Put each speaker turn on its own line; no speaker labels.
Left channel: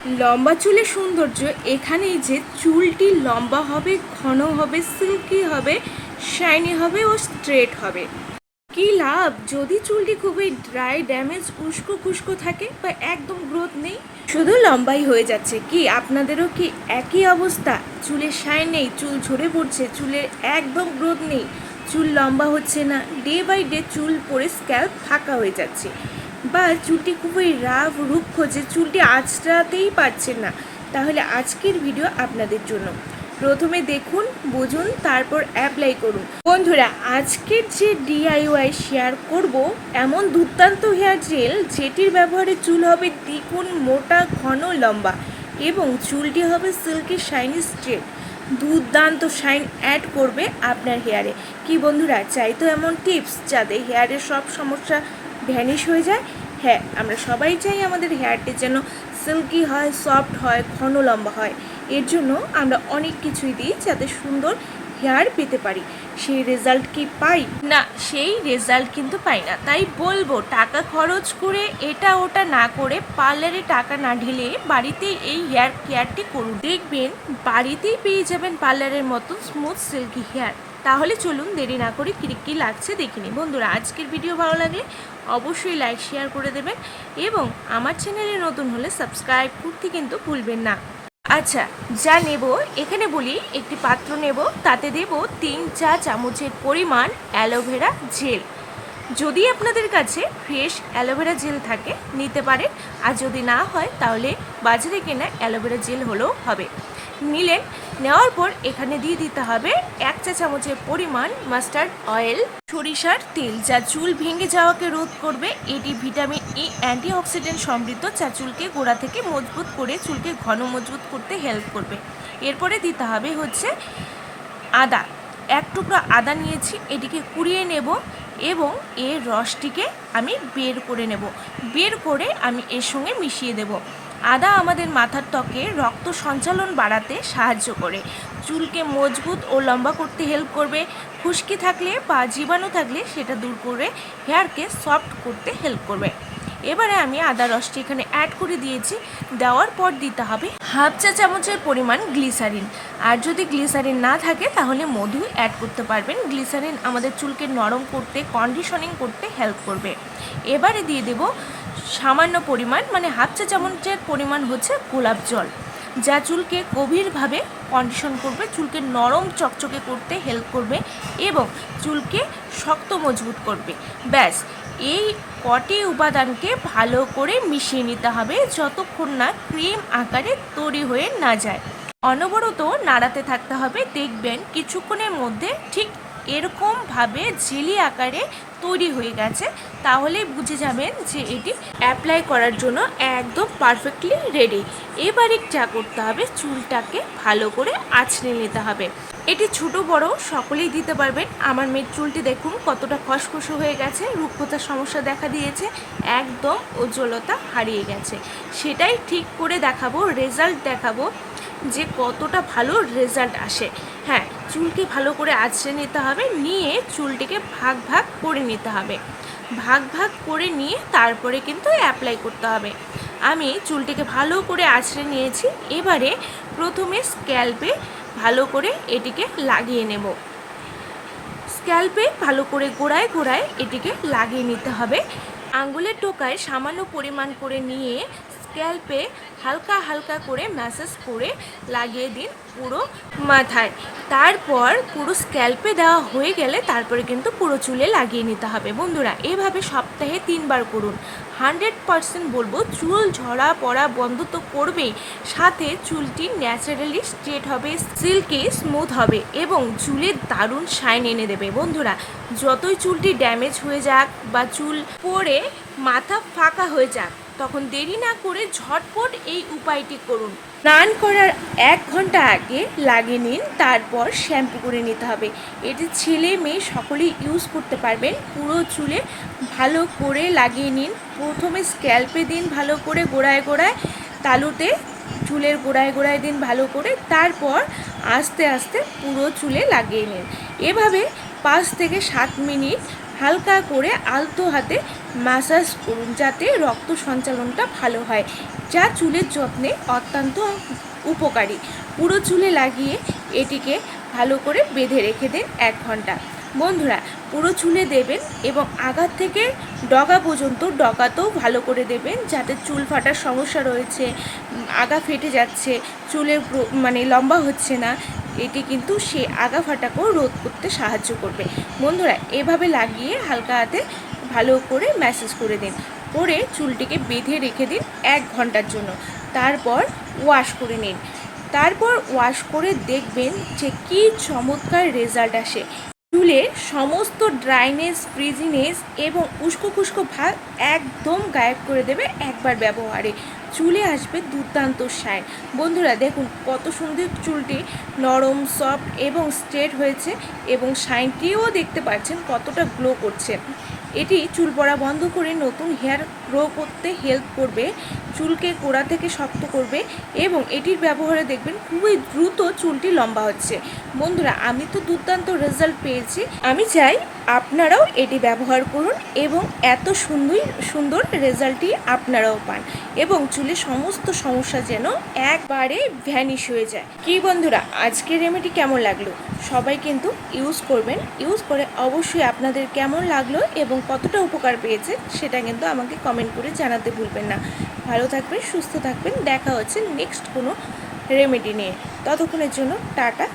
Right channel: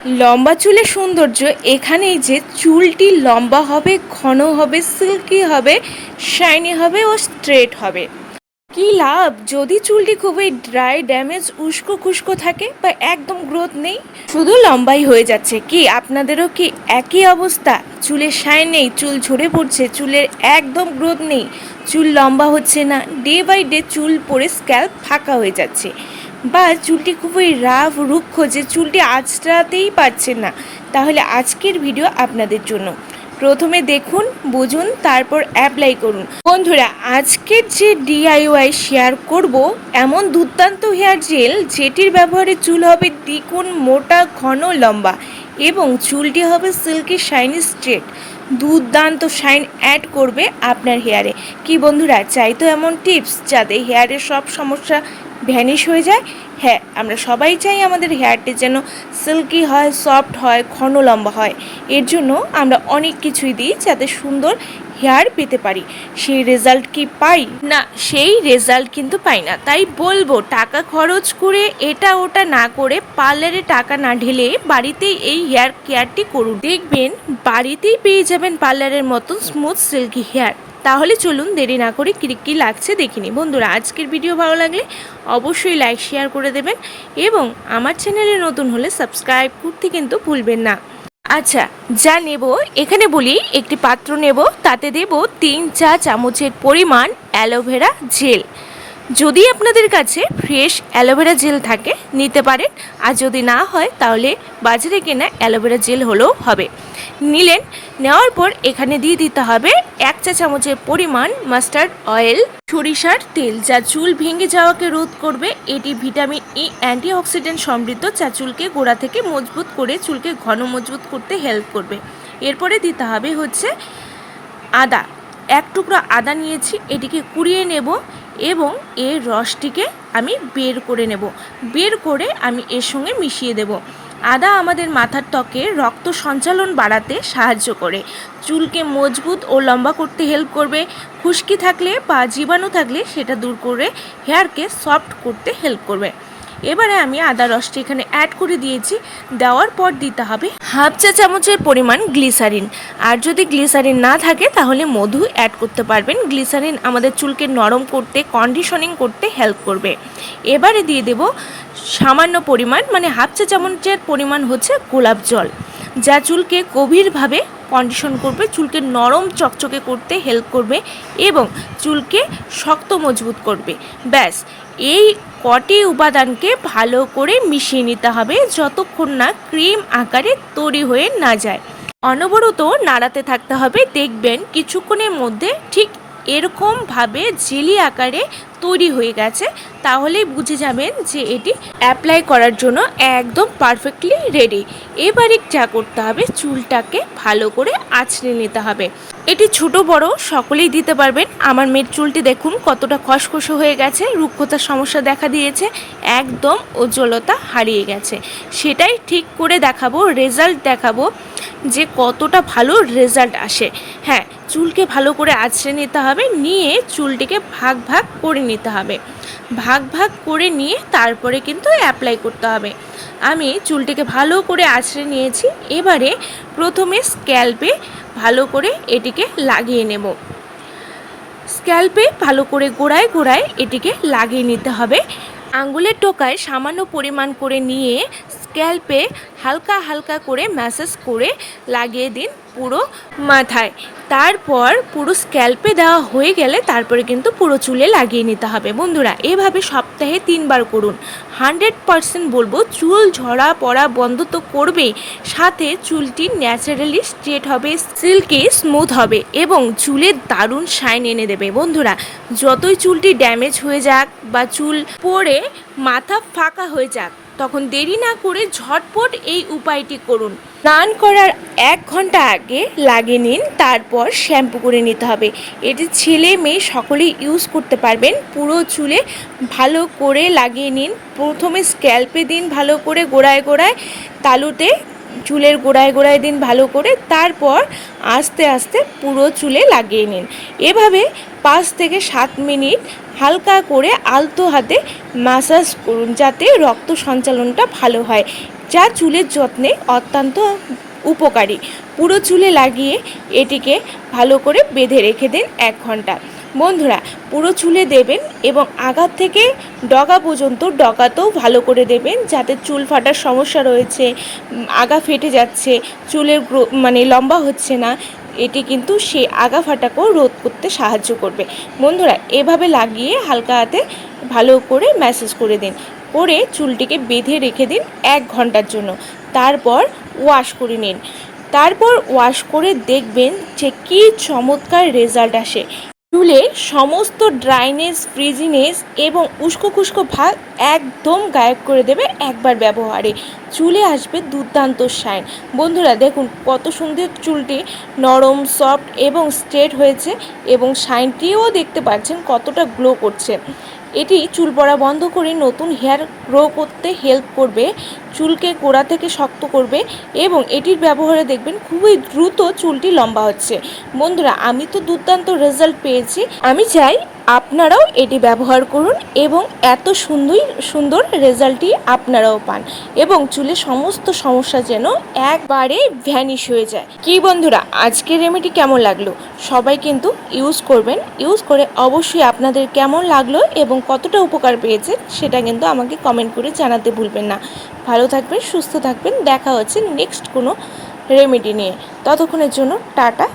লম্বা চুলের সৌন্দর্য এখানেই যে চুলটি লম্বা হবে, ঘন হবে সিল্কি হবে শাইনি হবে ও স্ট্রেট হবে। কি লাভ? যদি চুলটি খুবই ড্রাই ড্যামেজ উস্কো খুস্কো থাকে বা একদম গ্রোথ নেই, শুধু লম্বাই হয়ে যাচ্ছে। কি আপনাদেরও কি একই অবস্থা? চুলের শাইন নেই, চুল ঝরে পড়ছে, চুলের একদম গ্রোথ নেই। চুল লম্বা হচ্ছে না ডে বাই ডে চুল পরে স্ক্যাল্প ফাঁকা হয়ে যাচ্ছে। বা চুলটি খুবই রাফ, রুক্ষ যে চুলটি আঁচড়াতেই পারছেন না। তাহলে আজকের ভিডিও আপনাদের জন্য। প্রথমে দেখুন, বুঝুন, তারপর অ্যাপ্লাই করুন। বন্ধুরা, আজকের যে ডিআইওয়াই শেয়ার করব, এমন দুর্দান্ত হেয়ার জেল যেটির ব্যবহারে চুল হবে দ্বিগুণ, মোটা, ঘন, লম্বা এবং চুলটি হবে সিল্কি শাইনি স্ট্রেট দুর্দান্ত শাইন অ্যাড করবে আপনার হেয়ারে কি বন্ধুরা, চাই তো এমন টিপস যাতে হেয়ারের সব সমস্যা ভ্যানিশ হয়ে যায়। হ্যাঁ আমরা সবাই চাই আমাদের হেয়ারটি যেন সিল্কি হয় সফট হয়, ঘন লম্বা হয়। এর জন্য আমরা অনেক কিছুই দিই যাতে সুন্দর হেয়ার পেতে পারি। সেই রেজাল্ট কি পাই? না, সেই রেজাল্ট কিন্তু পাই না। তাই বলব, টাকা খরচ করে এটা ওটা না করে পার্লারে টাকা না ঢেলে বাড়িতেই এই হেয়ার কেয়ারটি করুন। দেখবেন বাড়িতেই পেয়ে যাবেন পার্লারের মতন স্মুথ সিল্কি হেয়ার তাহলে চলুন দেরি না করে কী কী লাগছে দেখিনি। বন্ধুরা, আজকের ভিডিও ভালো লাগলে অবশ্যই লাইক শেয়ার করে দেবেন এবং আমার চ্যানেলে নতুন হলে সাবস্ক্রাইব করতে কিন্তু ভুলবেন না। আচ্ছা যা নেব, এখানে বলি একটি পাত্র নেব, তাতে দেব তিন চা চামচের পরিমাণ অ্যালোভেরা জেল। যদি আপনাদের কাছে ফ্রেশ অ্যালোভেরা জেল থাকে, নিতে পারেন। আর যদি না হয়, তাহলে বাজারে কেনা অ্যালোভেরা জেল হলেও হবে। নিলেন। নেওয়ার পর এখানে দিয়ে দিতে হবে এক চা চামচের পরিমাণ মাস্টার্ড অয়েল, সরিষার তেল যা চুল ভেঙে যাওয়াকে রোধ করবে। এটি ভিটামিন ই অ্যান্টিঅক্সিডেন্ট সমৃদ্ধ যা চুলকে গোড়া থেকে মজবুত করে চুলকে ঘন মজবুত করতে হেল্প করবে। এরপরে দিতে হবে হচ্ছে আদা। এক টুকরো আদা নিয়েছি, এটিকে কুড়িয়ে নেব এবং এর রসটিকে আমি বের করে নেব। বের করে আমি এর সঙ্গে মিশিয়ে দেব। আদা আমাদের মাথার ত্বকে রক্ত সঞ্চালন বাড়াতে সাহায্য করে। চুলকে মজবুত ও লম্বা করতে হেল্প করবে। খুশকি থাকলে বা জীবাণু থাকলে সেটা দূর করে হেয়ারকে সফট করতে হেল্প করবে। এবারে আমি আদা রসটি এখানে অ্যাড করে দিয়েছি। দেওয়ার পর দিতে হবে হাফ চা চামচের পরিমাণ গ্লিসারিন আর যদি গ্লিসারিন না থাকে, তাহলে মধু অ্যাড করতে পারবেন। গ্লিসারিন আমাদের চুলকে নরম করতে কন্ডিশনিং করতে হেল্প করবে। এবারে দিয়ে দেব সামান্য পরিমাণ মানে হাফ চা চামচের পরিমাণ হচ্ছে গোলাপ জল, যা চুলকে গভীরভাবে কন্ডিশন করবে, চুলকে নরম চকচকে করতে হেল্প করবে এবং চুলকে শক্ত মজবুত করবে। ব্যাস, এই কটি উপাদানকে ভালো করে মিশিয়ে নিতে হবে যতক্ষণ না ক্রিম আকারে তৈরি হয়ে না যায়। অনবরত নাড়াতে থাকতে হবে, দেখবেন কিছুক্ষণের মধ্যে ঠিক এরকমভাবে জেলি আকারে তৈরি হয়ে গেছে। তাহলেই বুঝে যাবেন যে এটি অ্যাপ্লাই করার জন্য একদম পারফেক্টলি রেডি এবারে যা করতে হবে, চুলটাকে ভালো করে আঁচড়ে নিতে হবে। এটি ছোট, বড়, সকলেই দিতে পারবেন। আমার মেয়ের চুলটি দেখুন, কতটা খসখসে হয়ে গেছে, রুক্ষতার সমস্যা দেখা দিয়েছে, একদম উজ্জ্বলতা হারিয়ে গেছে। সেটাই ঠিক করে দেখাবো রেজাল্ট দেখাবো। যে কতটা ভালো রেজাল্ট আসে। হ্যাঁ চুলকে ভালো করে আছড়ে নিতে হবে, নিয়ে চুলটিকে ভাগ ভাগ করে নিতে হবে। ভাগ ভাগ করে নিয়ে তারপরে কিন্তু অ্যাপ্লাই করতে হবে। আমি চুলটিকে ভালো করে আছড়ে নিয়েছি, এবারে প্রথমে স্ক্যাল্পে ভালো করে এটিকে লাগিয়ে নেব। স্ক্যাল্পে ভালো করে গোড়ায় গোড়ায় এটিকে লাগিয়ে নিতে হবে। আঙ্গুলের টোকায় সামান্য পরিমাণ করে নিয়ে স্ক্যাল্পে হালকা হালকা করে ম্যাসেজ করে লাগিয়ে দিন পুরো মাথায়। তারপর পুরো স্ক্যাল্পে দেওয়া হয়ে গেলে তারপরে কিন্তু পুরো চুলে লাগিয়ে নিতে হবে। বন্ধুরা, এভাবে সপ্তাহে তিনবার করুন। হান্ড্রেড পারসেন্ট বলব চুল ঝরা পড়া বন্ধ তো করবেই। সাথে চুলটি ন্যাচারালি স্ট্রেট হবে, সিল্কি স্মুথ হবে এবং চুলের দারুণ শাইন এনে দেবে। বন্ধুরা, যতই চুলটি ড্যামেজ হয়ে যাক বা চুল পরে মাথা ফাঁকা হয়ে যাক তখন দেরি না করে ঝটপট এই উপায়টি করুন। স্নান করার এক ঘণ্টা আগে লাগিয়ে নিন, তারপর শ্যাম্পু করে নিতে হবে। এটি ছেলে মেয়ে সকলেই ইউজ করতে পারবেন। পুরো চুলে ভালো করে লাগিয়ে নিন। প্রথমে স্ক্যাল্পে দিন ভালো করে গোড়ায় গোড়ায়, তালুতে চুলের গোড়ায় গোড়ায় দিন ভালো করে, তারপর আস্তে আস্তে পুরো চুলে লাগিয়ে নিন। এভাবে পাঁচ থেকে সাত মিনিট হালকা করে আলতো হাতে মাসাজ করুন যাতে রক্ত সঞ্চালনটা ভালো হয়, যা চুলের যত্নে অত্যন্ত উপকারী। পুরো চুলে লাগিয়ে এটিকে ভালো করে বেঁধে রেখে দিন এক ঘণ্টা। বন্ধুরা, পুরো চুলে দেবেন এবং আঘাত থেকে ডগা পর্যন্ত ডগাতেও ভালো করে দেবেন যাতে চুল ফাটার সমস্যা রয়েছে আগা ফেটে যাচ্ছে, চুলের মানে লম্বা হচ্ছে না এটি কিন্তু সেই আগা ফাটাকেও রোধ করতে সাহায্য করবে। বন্ধুরা, এভাবে লাগিয়ে হালকা হাতে ভালো করে ম্যাসেজ করে দিন। করে চুলটিকে বেঁধে রেখে দিন এক ঘণ্টার জন্য। তারপর ওয়াশ করে নিন। তারপর ওয়াশ করে দেখবেন যে কী চমৎকার রেজাল্ট আসে। চুলের সমস্ত ড্রাইনেস ফ্রিজিনেস এবং উস্কো খুস্কো ভাগ একদম গায়েব করে দেবে একবার ব্যবহারে। চুলে আসবে দুর্দান্ত শাইন। বন্ধুরা, দেখুন কত সুন্দর চুলটি নরম, সফট এবং স্ট্রেট হয়েছে এবং শাইনটিও দেখতে পাচ্ছেন কতটা গ্লো করছে। এটি চুল পড়া বন্ধ করে নতুন হেয়ার গ্রো করতে হেল্প করবে, চুলকে গোড়া থেকে শক্ত করবে এবং এটির ব্যবহারে দেখবেন খুবই দ্রুত চুলটি লম্বা হচ্ছে। বন্ধুরা, আমি তো দুর্দান্ত রেজাল্ট পেয়েছি। আমি চাই আপনারাও এটি ব্যবহার করুন এবং এত সুন্দর সুন্দর রেজাল্টটি আপনারাও পান এবং চুলের সমস্ত সমস্যা যেন একবারে ভ্যানিশ হয়ে যায়। কি বন্ধুরা, আজকের রেমেডি কেমন লাগল? সবাই কিন্তু ইউজ করবেন, ইউজ করে অবশ্যই আপনাদের কেমন লাগল এবং কতটা উপকার পেয়েছে সেটা কিন্তু আমাকে কমেন্ট করে জানাতে ভুলবেন না। ভালো থাকবেন, সুস্থ থাকবেন, দেখা হচ্ছে নেক্সট কোনো রেমেডি নিয়ে। ততক্ষণের জন্য টাটা।